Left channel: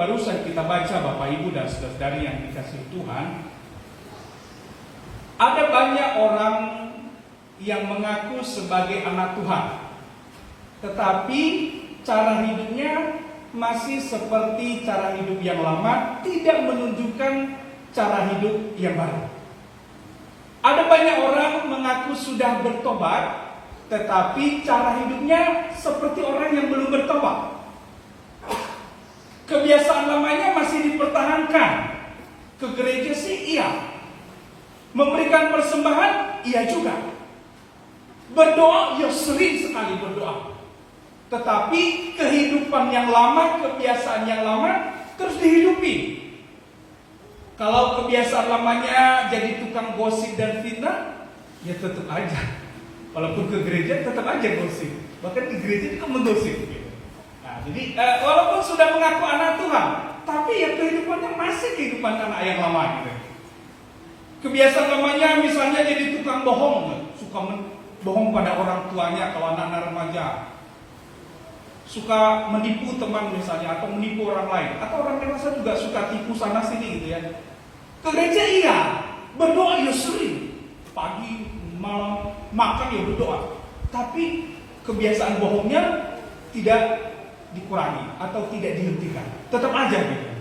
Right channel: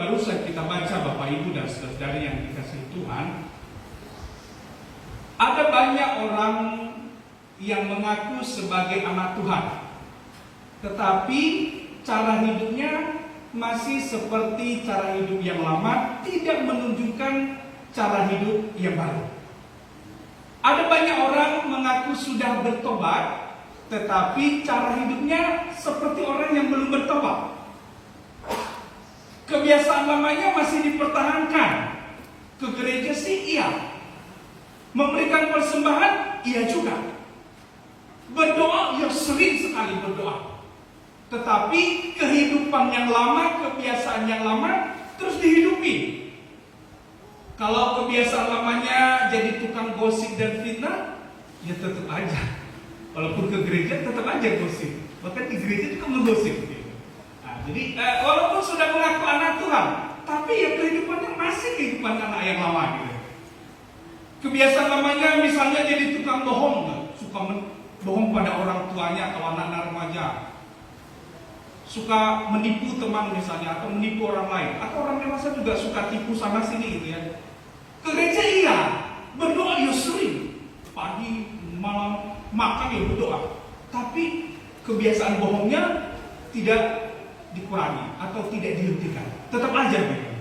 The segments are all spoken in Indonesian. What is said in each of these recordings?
barusan kita baca, Bapak Ibu dan saudara-saudari yang dikasihi Tuhan, ada banyak orang yang mengaku sebagai anak Tuhan, tetapi cara hidupnya masih seperti cara hidup yang lama, tidak menunjukkan cara hidup yang baru. Ada banyak orang mengaku sudah bertobat, tetapi cara hidupnya seperti orang yang belum bertobat. Kebiasaan lamanya masih dipertahankan. Ke gereja sih iya, memberikan persembahan iya juga, berdoa ya sering sekali berdoa, tetapi kehidupan yang lama, kebiasaan yang lama terus dihidupi. Kalau kebiasaan lamanya jadi tukang gosip dan fitnah, ya tetap aja. Walaupun ke gereja tetap aja gosip. Bahkan di gereja itu menggosip. Gitu. Nah, jadi walaupun sudah mengaku anak Tuhan, tapi ya kehidupannya masih kehidupan anak yang lama. Gitu. Kebiasaan lamanya misalnya jadi tukang bohong, suka bohong pada orang tuanya kalau anak-anak remaja. Suka menipu teman misalnya, atau menipu orang lain, atau orang dewasa juga suka tipu sana sini gitu ya. Ke gereja iya, berdoa ya sering, pagi, malam, makan ya berdoa. Tapi kebiasaan bohongnya tidak dikurangi atau tidak dihentikan, tetap aja gitu.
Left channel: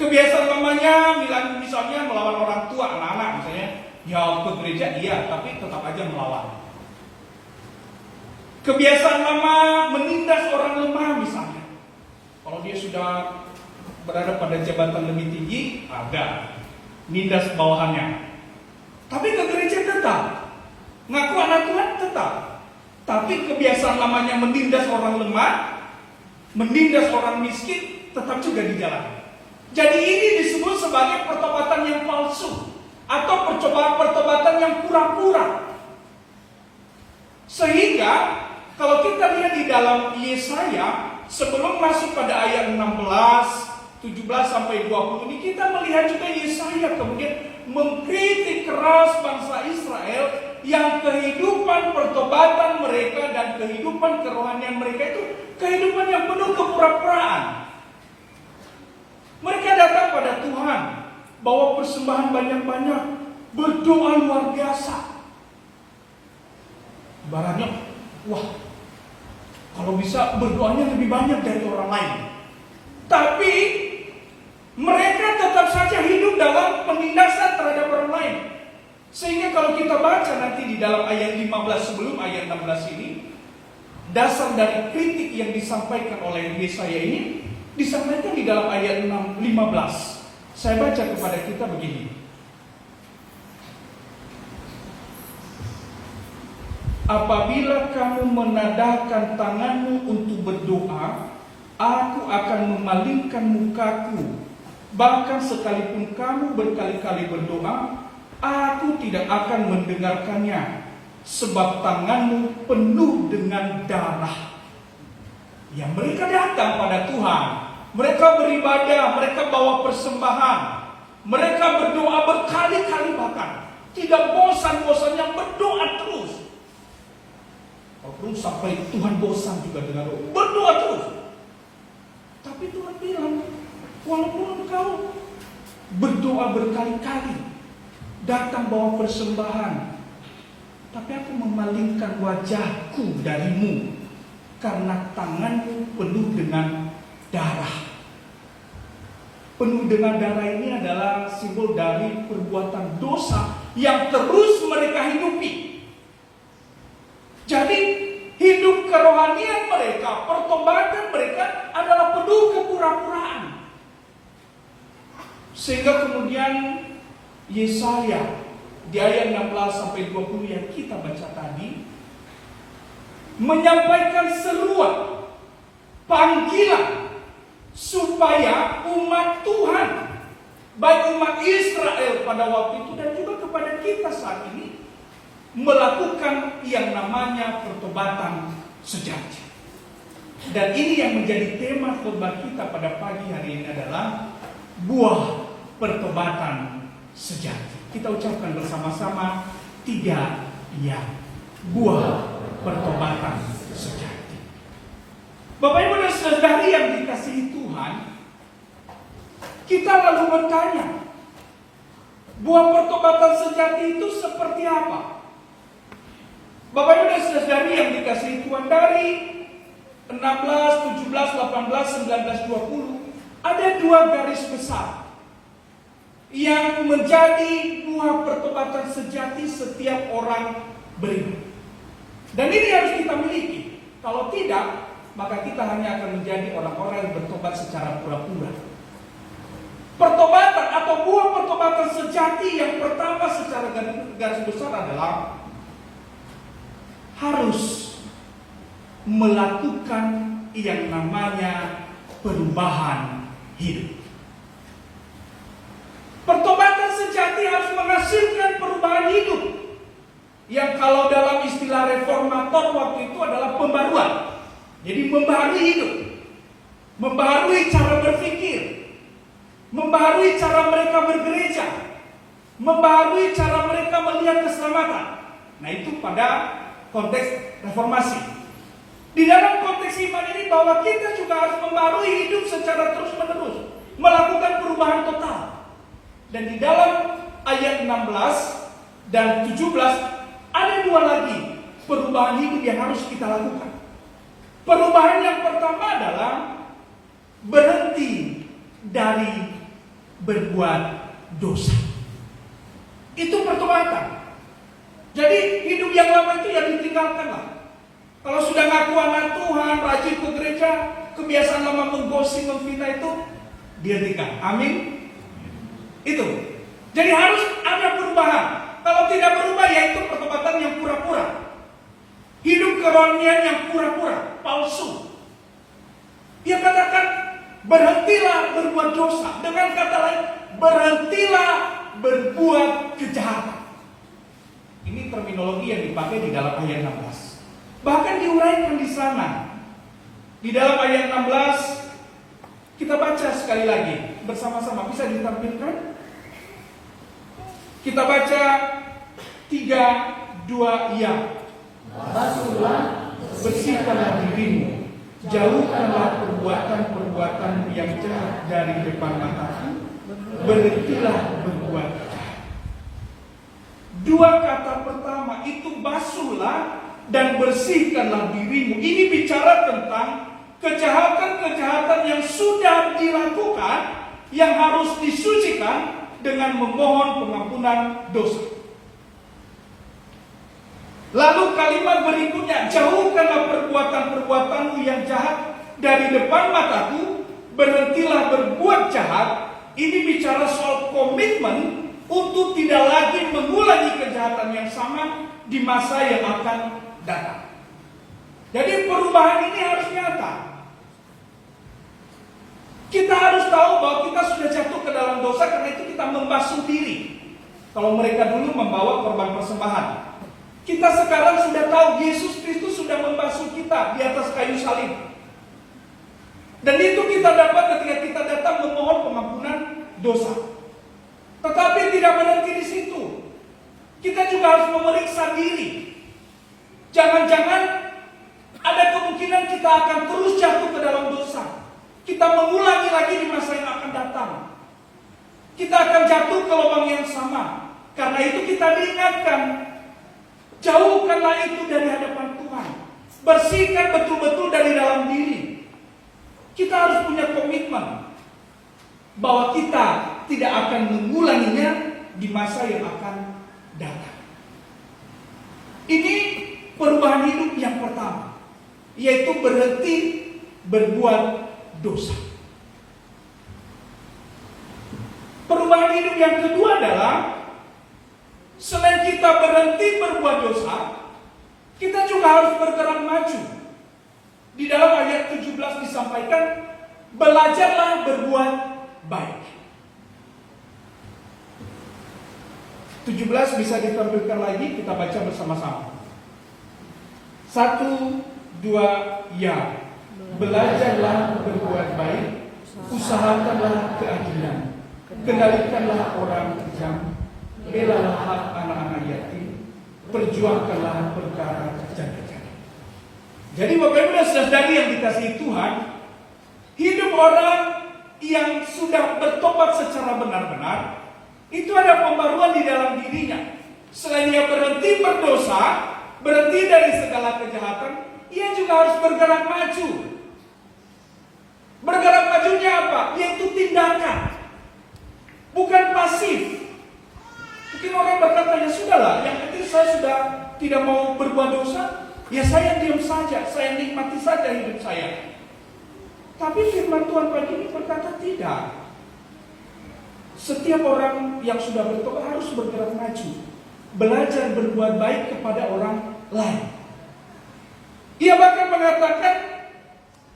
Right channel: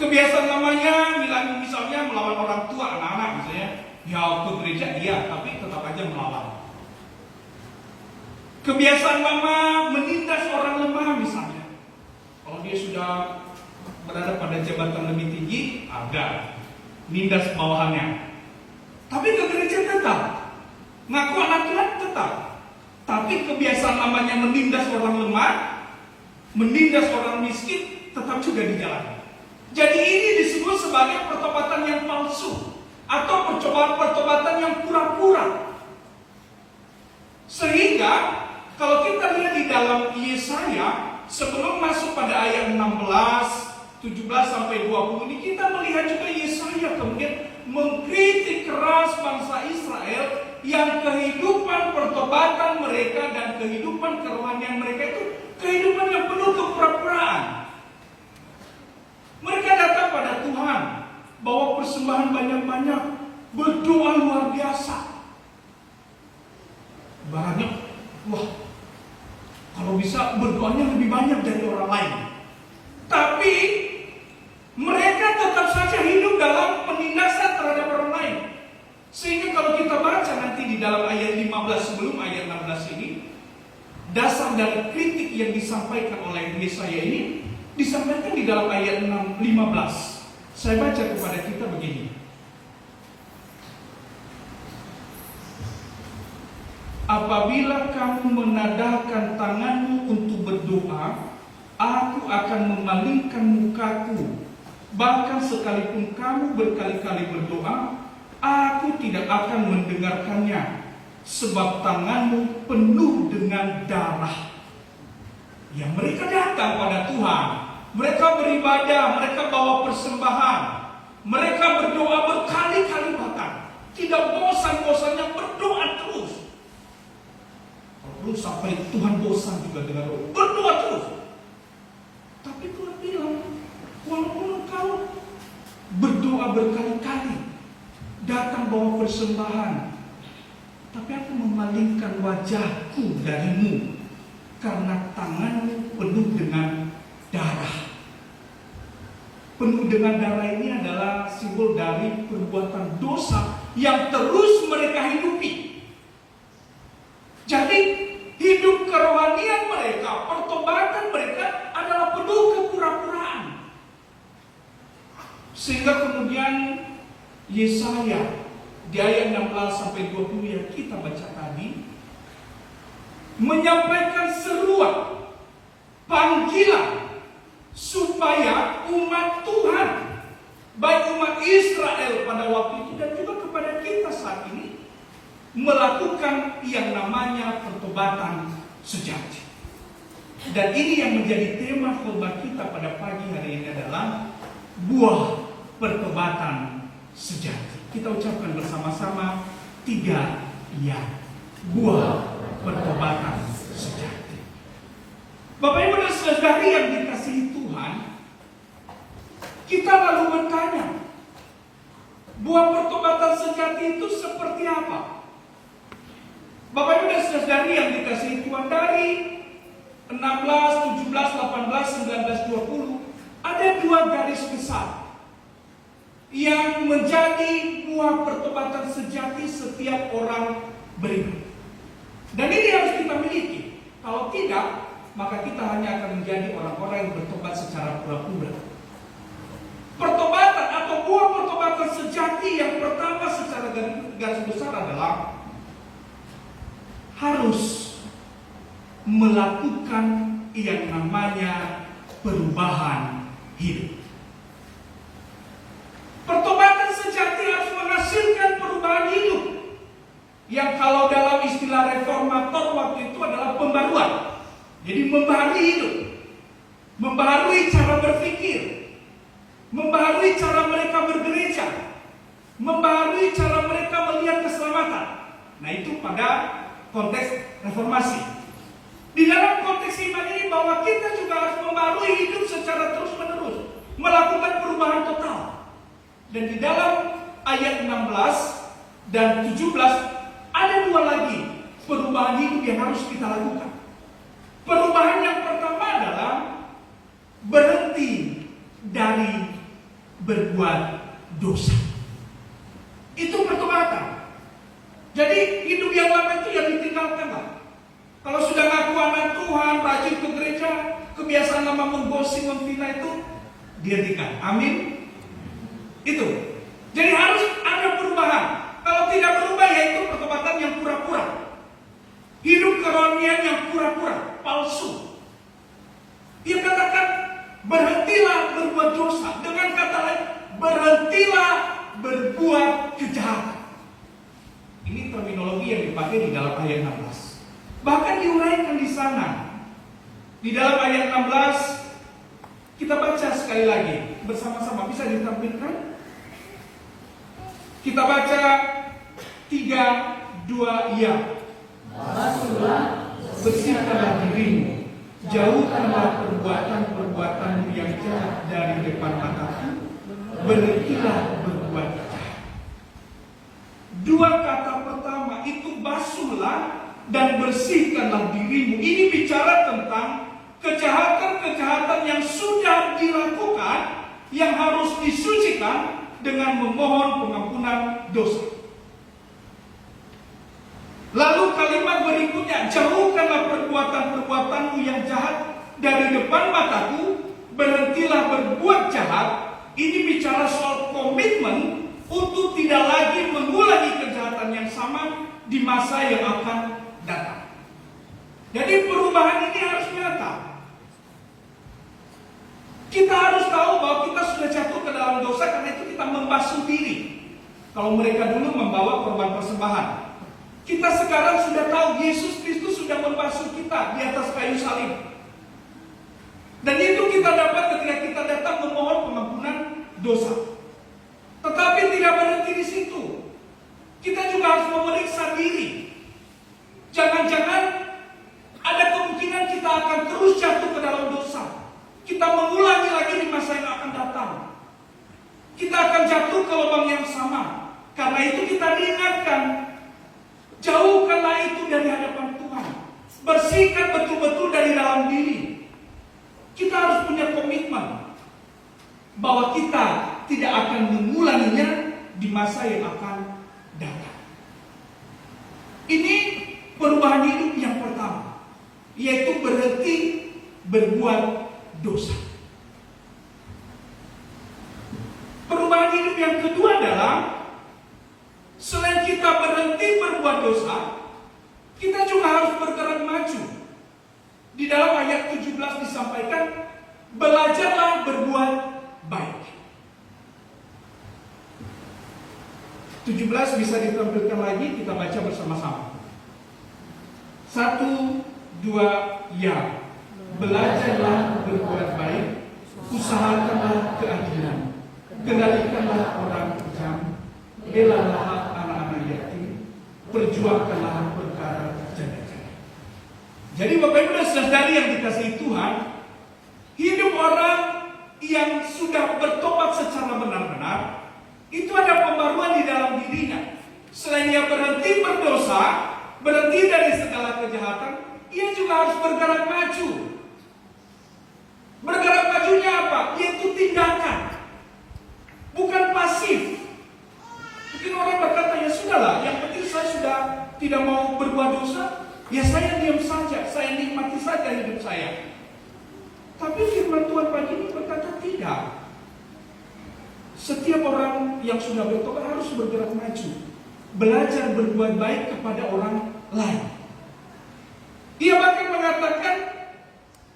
Kebiasaan lamanya misalnya melawan orang tua, anak-anak misalnya, ya ke gereja iya, tapi tetap aja melawan. Kebiasaan lama menindas orang lemah misalnya. Kalau dia sudah berada pada jabatan lebih tinggi, ada nindas bawahannya. Tapi ke gereja tetap, ngaku anak Tuhan tetap. Tapi kebiasaan lamanya menindas orang lemah, menindas orang miskin, tetap juga dijalani. Jadi ini disebut sebagai pertobatan yang palsu atau pertobatan yang pura-pura. Sehingga kalau kita lihat di dalam Yesaya, sebelum masuk pada ayat 16, 17 sampai 20 ini, kita melihat juga Yesaya kemudian mengkritik keras bangsa Israel yang kehidupan pertobatan mereka dan kehidupan kerohanian mereka itu kehidupan yang penuh kepura-puraan. Mereka datang pada Tuhan, bawa persembahan banyak-banyak, berdoa luar biasa. Barangnya, wah, kalau bisa berdoanya lebih banyak dari orang lain. Tapi mereka tetap saja hidup dalam penindasan terhadap orang lain. Sehingga kalau kita baca nanti di dalam ayat 15 sebelum ayat 16 ini, dasar dari kritik yang disampaikan oleh Yesaya ini disampaikan di dalam ayat 15. Saya baca kepada kita begini. Apabila kamu menadahkan tanganmu untuk berdoa, aku akan memalingkan mukaku. Bahkan sekalipun kamu berkali-kali berdoa, aku tidak akan mendengarkannya, sebab tanganmu penuh dengan darah. Ya, mereka datang pada Tuhan, mereka beribadah, mereka bawa persembahan, mereka berdoa berkali-kali bahkan, tidak bosan-bosannya berdoa terus. Walaupun sampai Tuhan bosan juga dengan berdoa terus. Tapi Tuhan bilang, walaupun engkau berdoa berkali-kali, datang bawa persembahan, tapi aku memalingkan wajahku darimu, karena tanganmu penuh dengan darah. Penuh dengan darah ini adalah simbol dari perbuatan dosa yang terus mereka hidupi. Jadi hidup kerohanian mereka, pertobatan mereka adalah penuh kepura-puraan. Sehingga kemudian Yesaya di ayat 16 sampai 20 yang kita baca tadi menyampaikan seruan, panggilan supaya umat Tuhan, baik umat Israel pada waktu itu dan juga kepada kita saat ini, melakukan yang namanya pertobatan sejati. Dan ini yang menjadi tema khotbah kita pada pagi hari ini adalah buah pertobatan sejati. Kita ucapkan bersama-sama 3 ya, buah pertobatan sejati. Bapak Ibu dan saudari yang dikasihi Tuhan, bertanya, buah pertobatan sejati itu seperti apa? Bapak Ibu dan Saudari yang dikasihi Tuhan, dari 16, 17, 18, 19, 20 ada dua garis besar yang menjadi buah pertobatan sejati setiap orang beriman. Dan ini harus kita miliki. Kalau tidak, maka kita hanya akan menjadi orang-orang yang bertobat secara pura-pura. Pertobatan atau buah pertobatan sejati yang pertama secara garis besar adalah harus melakukan yang namanya perubahan hidup. Pertobatan sejati harus menghasilkan perubahan hidup, yang kalau dalam istilah reformator waktu itu adalah pembaruan. Jadi membaharui hidup, membaharui cara berpikir, membaharui cara mereka bergereja, membaharui cara mereka melihat keselamatan. Nah, itu pada konteks reformasi. Di dalam konteks iman ini bahwa kita juga harus membaharui hidup secara terus-menerus, melakukan perubahan total. Dan di dalam ayat 16 dan 17 ada dua lagi perubahan hidup yang harus kita lakukan. Perubahan yang pertama adalah berhenti dari berbuat dosa. Itu pertobatan. Jadi hidup yang lama itu yang ditinggalkanlah. Kalau sudah ngaku anak Tuhan, rajin ke gereja, kebiasaan lama menggosip, memfitnah itu dihentikan. Amin. Itu. Jadi harus ada perubahan. Kalau tidak berubah, yaitu pertobatan yang pura-pura. Hidup kerohanian yang pura-pura, palsu. Dia katakan, berhentilah berbuat dosa. Dengan kata lain, berhentilah berbuat kejahatan. Ini terminologi yang dipakai di dalam ayat 16. Bahkan diuraikan di sana. Di dalam ayat 16, kita baca sekali lagi bersama-sama. Bisa ditampilkan? Kita baca 3, 2, ya. Basuhlah, bersihkanlah dirimu, jauhkanlah perbuatan-perbuatan yang jahat dari depan matamu, berhentilah berbuat jahat. Dua kata pertama itu basuhlah dan bersihkanlah dirimu. Ini bicara tentang kejahatan-kejahatan yang sudah dilakukan, yang harus disucikan dengan memohon pengampunan dosa. Lalu kalimat berikutnya, jauhkanlah perbuatan-perbuatanmu yang jahat dari depan mataku, berhentilah berbuat jahat. Ini bicara soal komitmen untuk tidak lagi mengulangi kejahatan yang sama di masa yang akan datang. Jadi perubahan ini harus nyata. Kita harus tahu bahwa kita sudah jatuh ke dalam dosa, karena itu kita membasuh diri. Kalau mereka dulu membawa korban persembahan, kita sekarang sudah tahu Yesus Kristus sudah membasuh kita di atas kayu salib. Dan itu kita dapat ketika kita datang memohon pengampunan dosa. Tetapi tidak berhenti di situ. Kita juga harus memeriksa diri. Jangan-jangan ada kemungkinan kita akan terus jatuh ke dalam dosa. Kita mengulangi lagi di masa yang akan datang. Kita akan jatuh ke lubang yang sama. Karena itu kita diingatkan, jauhkanlah itu dari hadapan Tuhan. Bersihkan betul-betul dari dalam diri. Kita harus punya komitmen bahwa kita tidak akan mengulanginya di masa yang akan datang. Ini perubahan hidup yang pertama, yaitu berhenti berbuat dosa. Perubahan hidup yang kedua adalah, selain kita berhenti berbuat dosa, kita juga harus bergerak maju. Di dalam ayat 17 disampaikan, belajarlah berbuat baik. 17 bisa ditampilkan lagi, kita baca bersama-sama. 1, 2, ya. Belajarlah berbuat baik, usahakanlah keadilan, kendalikanlah orang kejam, belalah hak anak-anak yatim, perjuangkanlah perkara janda-janda. Jadi Bapak Ibu dan Saudari yang dikasihi Tuhan, hidup orang yang sudah bertobat secara benar-benar, itu ada pembaruan di dalam dirinya. Selain dia berhenti berdosa, berhenti dari segala kejahatan, ia juga harus bergerak maju. Bergerak majunya apa? Yaitu tindakan, bukan pasif. Mungkin orang berkata, ya sudahlah, yang penting saya sudah tidak mau berbuat dosa, ya saya diam saja, saya nikmati saja hidup saya. Tapi firman Tuhan pagi ini berkata tidak. Setiap orang yang sudah bertobat harus bergerak maju, belajar berbuat baik kepada orang lain. Ia bahkan mengatakan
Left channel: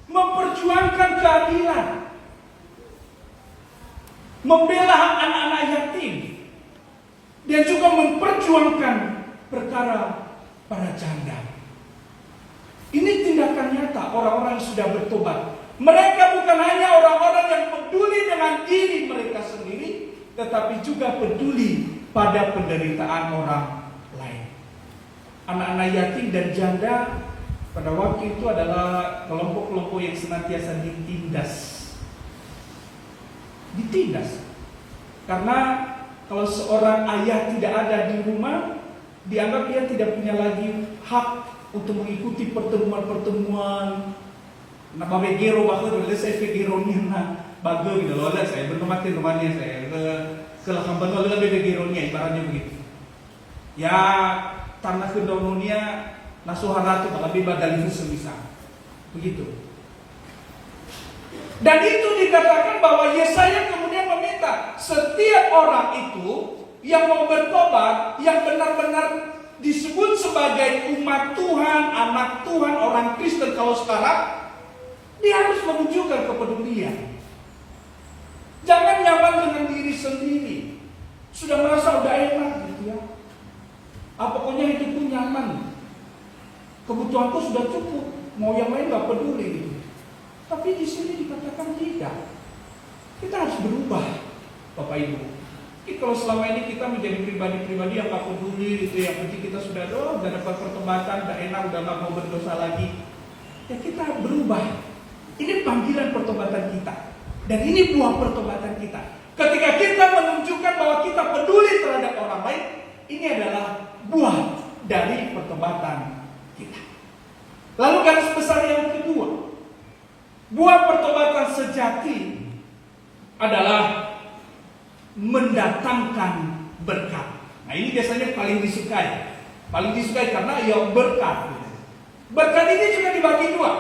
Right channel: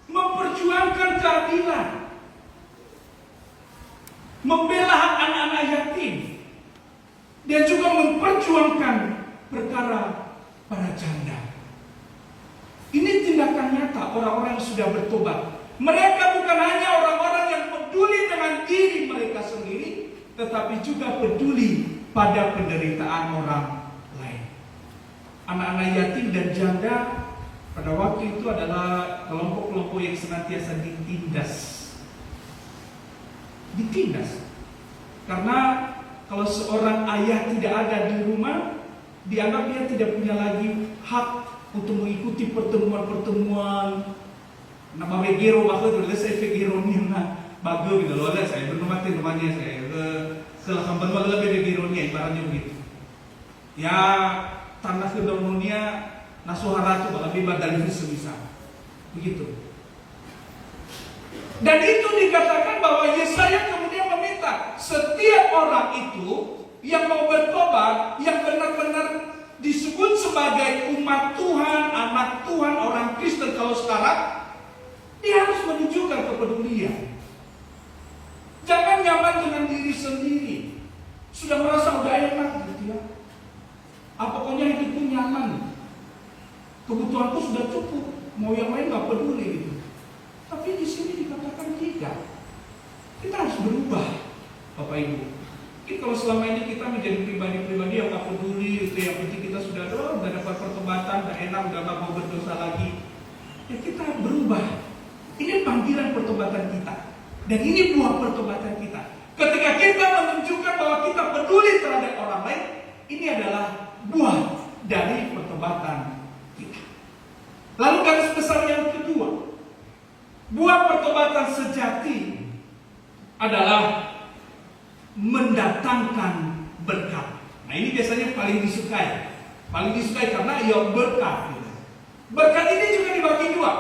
memperjuangkan keadilan, membela anak-anak yatim, dan juga memperjuangkan perkara para janda. Ini tindakan nyata orang-orang yang sudah bertobat. Mereka bukan hanya orang-orang yang peduli dengan diri mereka sendiri, tetapi juga peduli pada penderitaan orang lain. Anak-anak yatim dan janda pada waktu itu adalah kelompok-kelompok yang senantiasa ditindas. Karena kalau seorang ayah tidak ada di rumah, dianggap dia tidak punya lagi hak untuk mengikuti pertemuan-pertemuan. Nah, babe gero waktu dulu saya gero nih, bagus gitu loh. Saya belum mati rumahnya saya setelah kampung adalah babe gero nih, ibaratnya begitu. Ya tanah kedononia nasuhara itu lebih badal itu sebisa, begitu. Dan itu dikatakan bahwa Yesaya kemudian meminta setiap orang itu yang mau bertobat, yang benar-benar disebut sebagai umat Tuhan, anak Tuhan, orang Kristen kalau sekarang, dia harus menunjukkan kepedulian. Jangan nyaman dengan diri sendiri. Sudah merasa udah enak gitu ya. Pokoknya hidupku nyaman. Kebutuhanku sudah cukup. Mau yang lain gak peduli gitu. Tapi di sini dikatakan tidak. Kita harus berubah, Bapak Ibu. Kalau selama ini kita menjadi pribadi-pribadi yang gak peduli gitu ya, nanti kita sudah dapat pertobatan, udah enak, udah gak mau berdosa lagi. Ya kita berubah. Ini panggilan pertobatan kita. Dan ini buah pertobatan kita. Ketika kita menunjukkan bahwa kita peduli terhadap orang lain, ini adalah buah dari pertobatan kita. Lalu garis besar yang kedua, buah pertobatan sejati adalah mendatangkan berkat. Nah ini biasanya paling disukai. Paling disukai karena ia berkat. Berkat ini juga dibagi dua,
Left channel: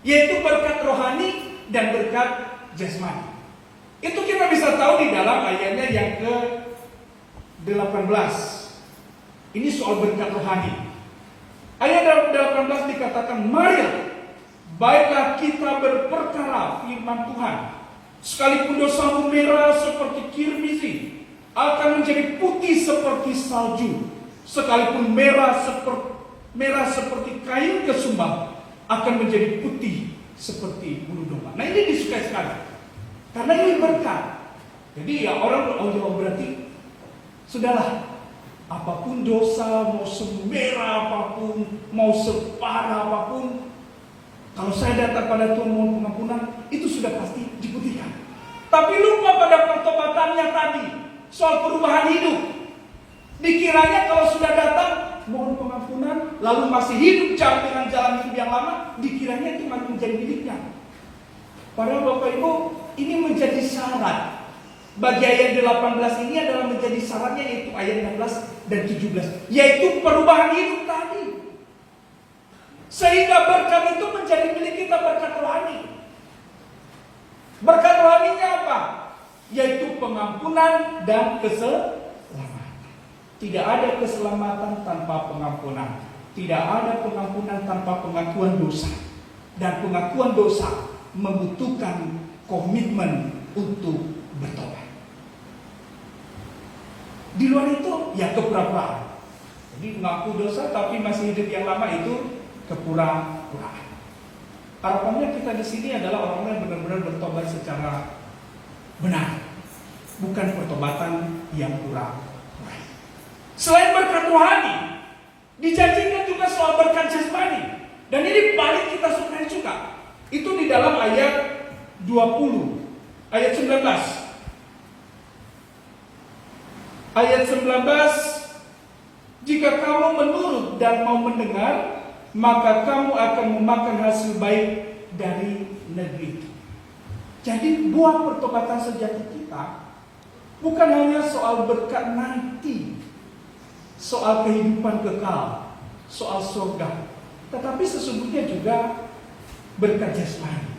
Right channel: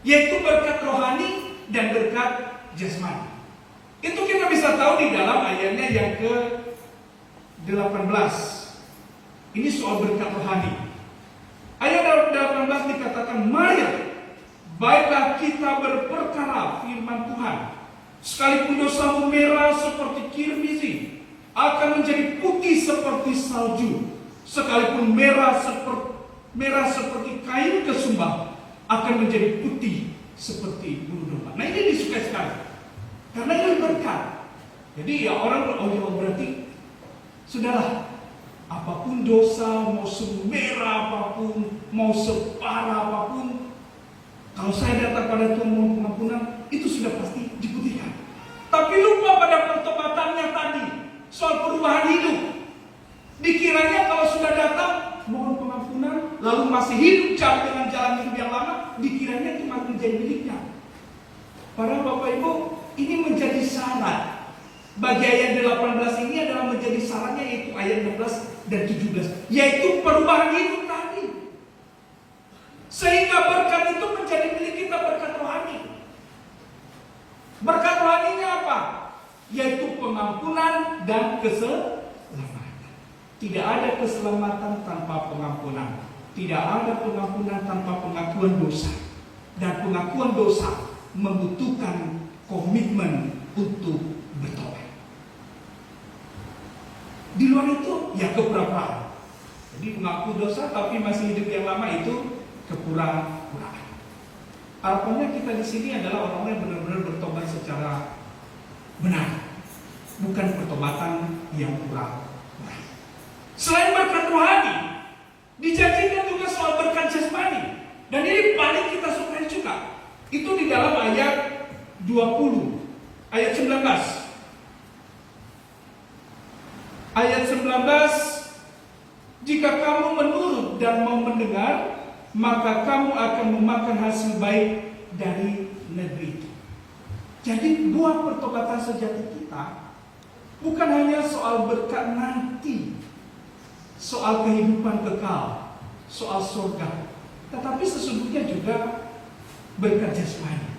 yaitu berkat rohani dan berkat jasmani. Itu kita bisa tahu di dalam ayatnya yang ke-18. Ini soal berkat rohani. Ayat 18 dikatakan, mari baiklah kita berperkara firman Tuhan. Sekalipun dosamu merah seperti kirmizi, akan menjadi putih seperti salju. Sekalipun merah seperti kain kesumba, akan menjadi putih seperti bulu domba. Nah ini disukai sekali, karena ini berkat. Jadi ya orang berarti sudahlah, apapun dosa, mau semerah apapun, mau separah apapun, kalau saya datang pada Tuhan mohon pengampunan, itu sudah pasti diputihkan. Tapi lupa pada pertobatannya tadi, soal perubahan hidup. Dikiranya kalau sudah datang mohon pengampunan, lalu masih hidup dengan jalan hidup yang lama, dikiranya itu akan menjadi miliknya. Padahal Bapak Ibu, ini menjadi syarat. Bagi ayat 18 ini adalah menjadi syaratnya, yaitu ayat 16 dan 17, yaitu perubahan hidup tadi. Sehingga berkat itu menjadi milik kita, berkat rohani. Berkat rohaninya apa? Yaitu pengampunan dan keselamatan. Tidak ada keselamatan tanpa pengampunan. Tidak ada pengampunan tanpa pengakuan dosa. Dan pengakuan dosa membutuhkan komitmen untuk bertobat. Di luar itu ya kepura-puraan. Jadi mengaku dosa tapi masih hidup yang lama itu kepura-puraan. Harapannya kita di sini adalah orang yang benar-benar bertobat secara benar, bukan pertobatan yang pura-pura. Selain berkat rohani, dijanjikan juga soal berkat jasmani. Dan ini paling kita sukai juga. Itu di dalam ayat 20. Ayat 19. Ayat 19, jika kamu menurut dan mau mendengar, maka kamu akan memakan hasil baik dari negeri itu. Jadi buah pertobatan sejati kita bukan hanya soal berkat nanti, soal kehidupan kekal, soal surga, tetapi sesungguhnya juga berkat jasmani.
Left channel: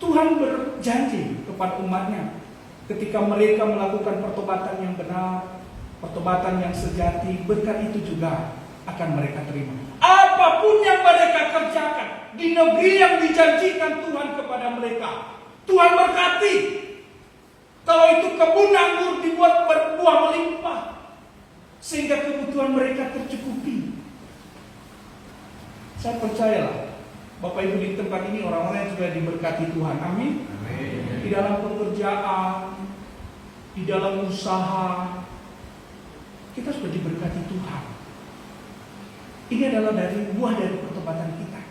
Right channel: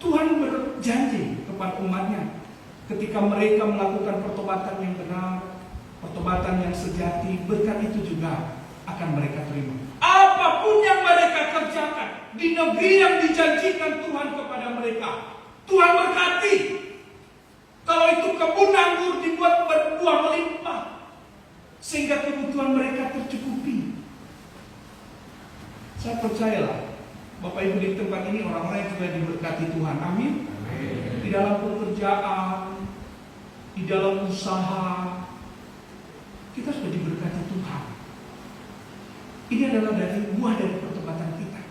Tuhan berjanji kepada umatnya ketika mereka melakukan pertobatan yang benar, pertobatan yang sejati, berkat itu juga akan mereka terima. Apapun yang mereka kerjakan di negeri yang dijanjikan Tuhan kepada mereka, Tuhan berkati. Kalau itu kebun anggur dibuat berbuah melimpah, sehingga kebutuhan mereka tercukupi. Saya percayalah, Bapak Ibu di tempat ini orang-orang yang sudah diberkati Tuhan. Amin. Di dalam pekerjaan, di dalam usaha, kita sudah diberkati Tuhan. Ini adalah buah dari pertobatan kita.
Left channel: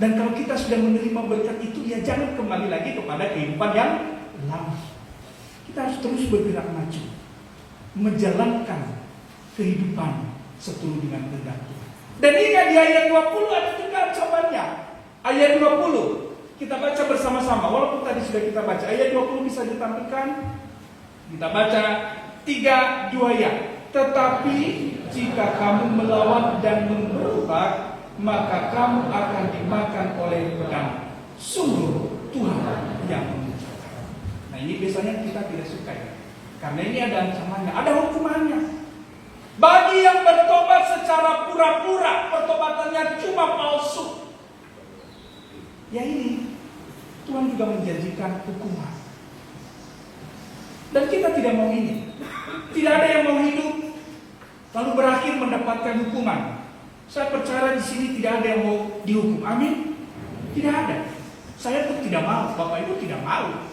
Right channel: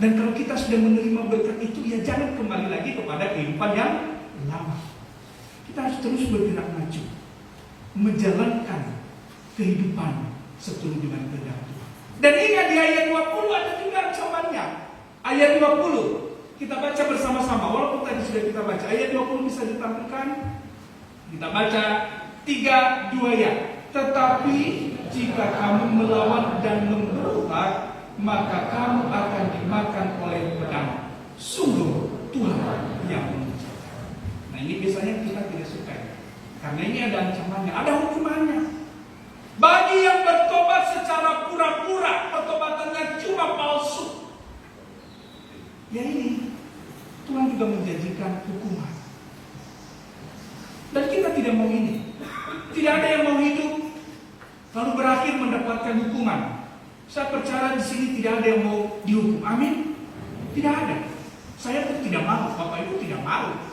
Dan kalau kita sudah menerima berkat itu, ya jangan kembali lagi kepada kehidupan yang lama. Kita harus terus bergerak maju, menjalankan kehidupan seturut dengan kehendak Tuhan. Dan ingat di ayat 20 ada juga ancamannya. Ayat 20 kita baca bersama-sama, walaupun tadi sudah kita baca. Ayat 20 bisa ditampilkan. Kita baca 3, 2 ya. Tetapi jika kamu melawan dan memberontak, maka kamu akan dimakan oleh pedang. Sungguh Tuhan yang mengucapkan. Nah ini biasanya kita tidak suka ya, karena ini ada ancamannya, ada hukumannya. Bagi yang bertobat secara pura-pura, pertobatannya cuma palsu, ya ini Tuhan juga menjanjikan hukuman. Dan kita tidak mau ini. Tidak ada yang mau hidup lalu berakhir mendapatkan hukuman. Saya percaya di sini tidak ada yang mau dihukum. Amin. Tidak ada. Saya pun tidak mau. Bapak Ibu tidak mau.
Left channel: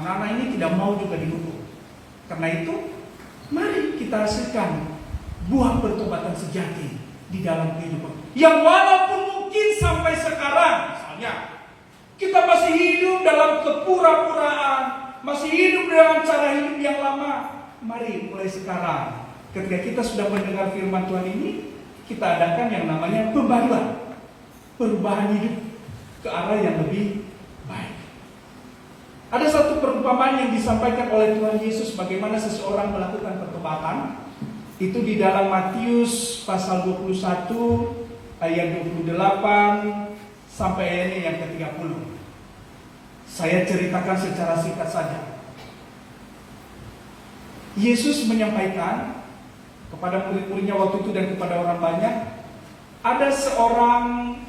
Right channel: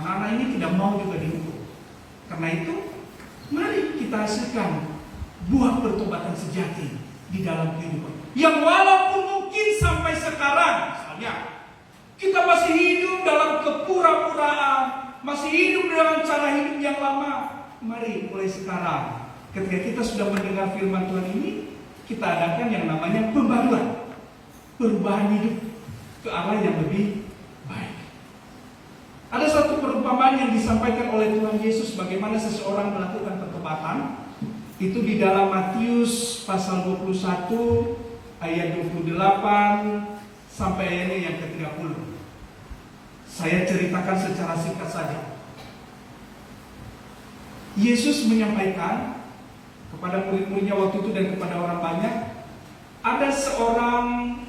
Anak-anak ini tidak mau juga dihukum. Karena itu, mari kita hasilkan buah pertobatan sejati di dalam kehidupan. Yang walaupun mungkin sampai sekarang, misalnya, kita masih hidup dalam kepura-puraan, masih hidup dengan cara hidup yang lama. Mari mulai sekarang, ketika kita sudah mendengar firman Tuhan ini, kita adakan yang namanya pembaruan, perubahan hidup ke arah yang lebih baik. Ada satu perumpamaan yang disampaikan oleh Tuhan Yesus bagaimana seseorang melakukan pertobatan. Itu di dalam Matius pasal 21 ayat 28 sampai ayat yang ke-30. Saya ceritakan secara singkat saja. Yesus menyampaikan kepada murid-muridnya waktu itu dan kepada orang banyak, ada seorang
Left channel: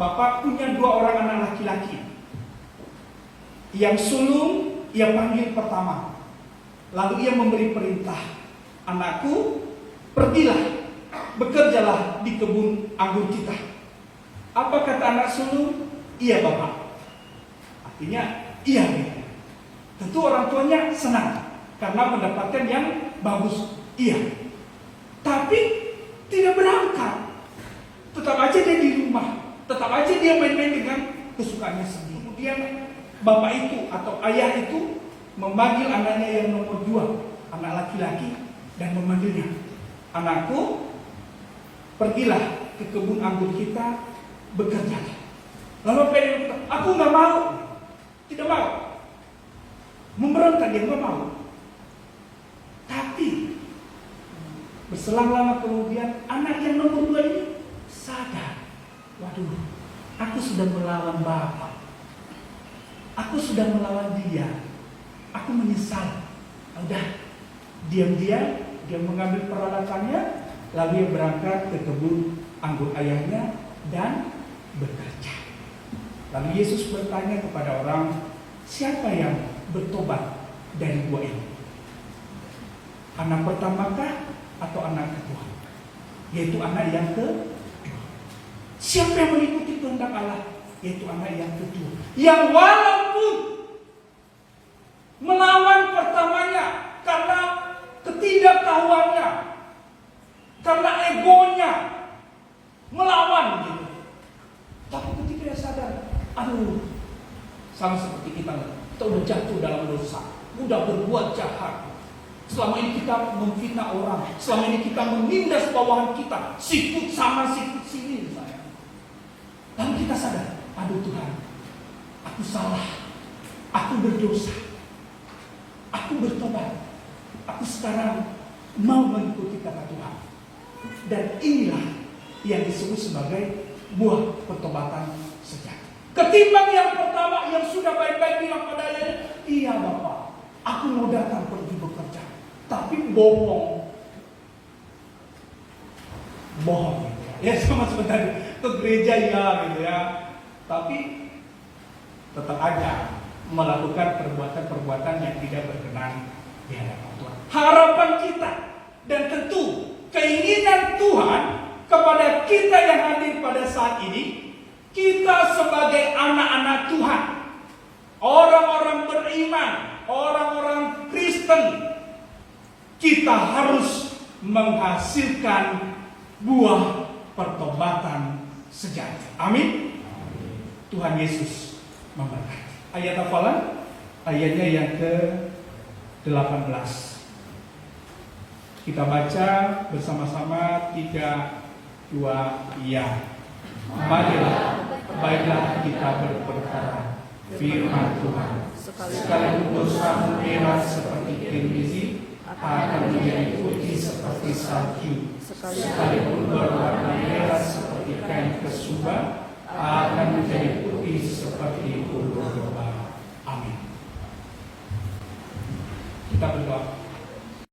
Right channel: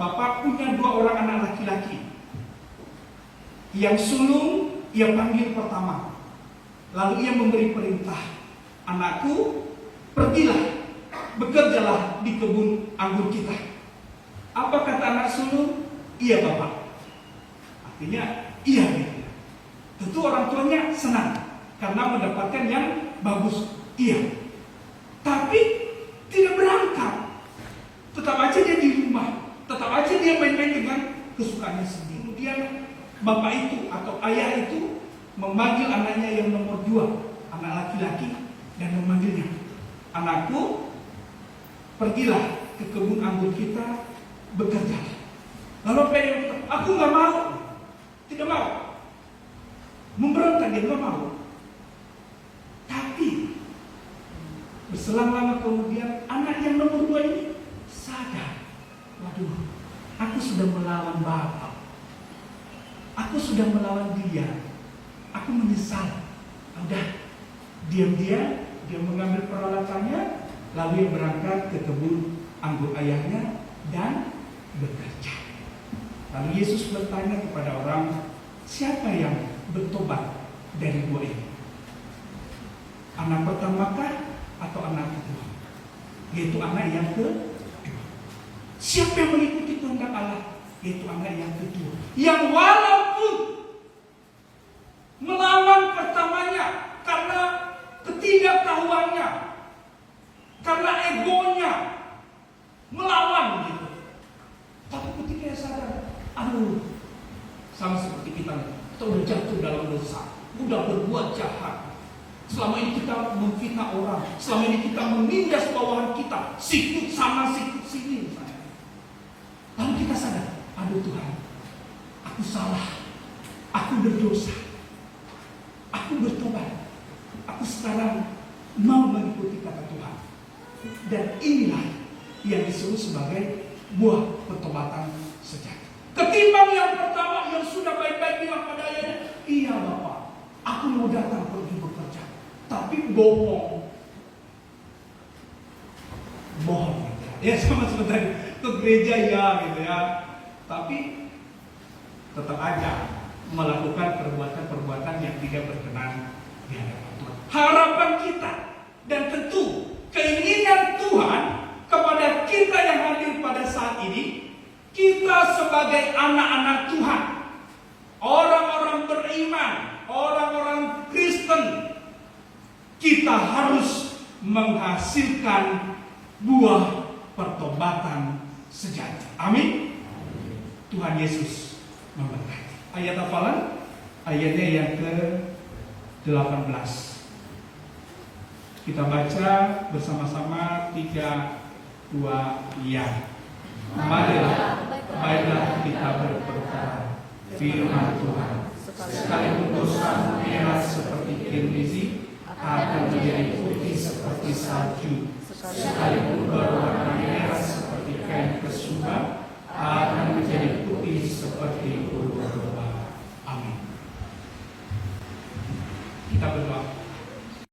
bapak punya 2 orang anak laki-laki. Yang sulung ia panggil pertama. Lalu ia memberi perintah, anakku, pergilah, bekerjalah di kebun anggur kita. Apa kata anak sulung? Iya bapak. Artinya iya gitu. Tentu orang tuanya senang karena mendapatkan yang bagus. Iya. Tapi tidak berangkat. Tetap aja dia di rumah. Tetap aja dia main-main dengan kesukaannya sendiri. Kemudian bapak itu atau ayah itu memanggil anaknya yang nomor 2, anak laki-laki, dan memanggilnya, anakku, pergilah ke kebun anggur kita, bekerja. Lalu apa yang aku nggak mau, tidak mau, memberontak, dia nggak mau. Tapi berselang lama kemudian anak yang nomor 2 ini sadar, waduh, aku sudah melawan bapak, aku sudah melawan dia. Aku menyesal. Udah, diam-diam dia mengambil peralatannya, lalu dia berangkat ke kebun anggur ayahnya dan bekerja. Lalu Yesus bertanya kepada orang, siapa yang bertobat dari 2 ini? Anak pertamakah atau anak kedua? Yaitu anak yang kedua. Siapa yang mengikuti kehendak Allah? Yaitu anak yang kedua. Yang walaupun melawan pertamanya karena ketidaktahuannya, karena egonya, melawan gitu. Tapi ketika dia sadar, Aduh, sama seperti kita udah jatuh dalam dosa, mudah berbuat jahat. Selama ini kita memfitnah orang, selama ini kita menindas bawahan kita, sikut sama sikut sini misalnya. Lalu kita sadar, aduh Tuhan, aku salah, aku berdosa, aku bertobat, aku sekarang mau mengikuti kata Tuhan. Dan inilah yang disebut sebagai buah pertobatan sejati. Ketimbang yang pertama yang sudah baik-baik bilang pada ayahnya, iya Bapak, aku mau datang pergi bekerja, tapi bohong. Ya sama seperti ke gereja ya gitu ya, tapi tetap aja melakukan perbuatan-perbuatan yang tidak berkenan di hadapan Tuhan. Harapan kita dan tentu keinginan Tuhan kepada kita yang hadir pada saat ini, kita sebagai anak-anak Tuhan, orang-orang beriman, orang-orang Kristen, kita harus menghasilkan buah pertobatan sejati. Amin. Tuhan Yesus memberkati. Ayat hafalan, ayatnya yang ke-18. Kita baca bersama-sama 3, 2, ya. Marilah, baiklah kita berperkara firman Tuhan. Sekalipun dosa merah seperti kirmizi akan menjadi putih seperti salju.